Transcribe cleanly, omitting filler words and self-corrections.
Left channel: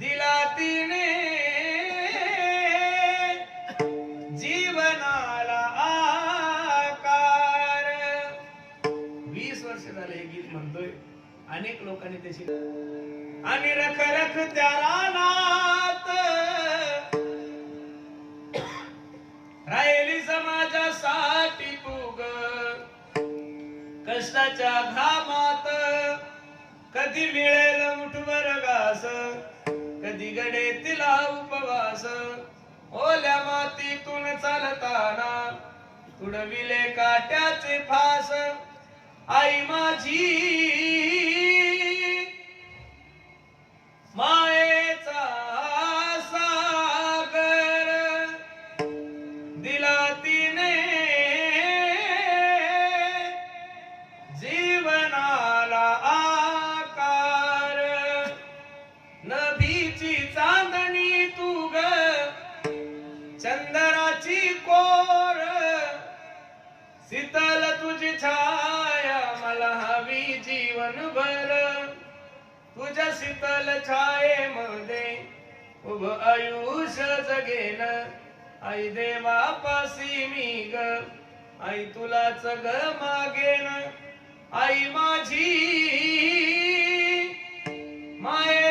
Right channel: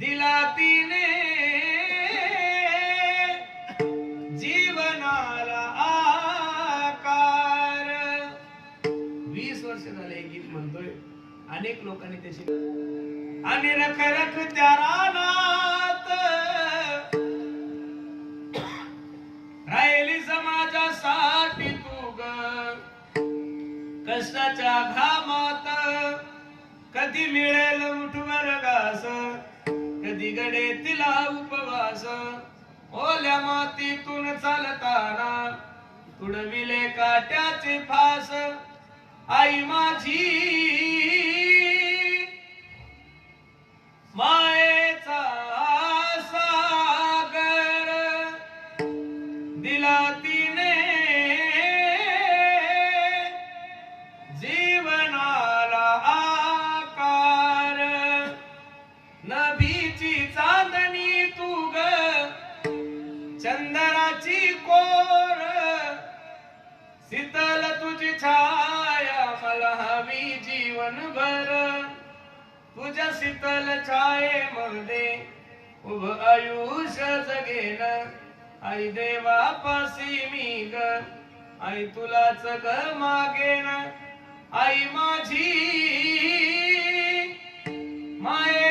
दिला तिने जीवनाला आकार. 20 वर्ष झाले हे गीत म्हणतोय, अनेक लोकांनी त्याची आणि रख रख त्या रानात राहिली समाजासाठी तू ग, कष्टाच्या घामात कधी मिळेल मुठभर घास, कधी गडे तिला उपवास. ओल्या मातीतून चालताना तुडविले काट्याचे फास. आई माझी मायेचा सागर दिला तिने जीवनाला आकार. नभीची चांदणी तू ग, चंदनाची कोर, शीतल तुझी छाया मला हवी जीवनभर. तुझ्या शीतल छायेमध्ये उभं आयुष्य जगेन. आई देवापासी मी ग, आई तुलाच ग मागेन. आई माझी माये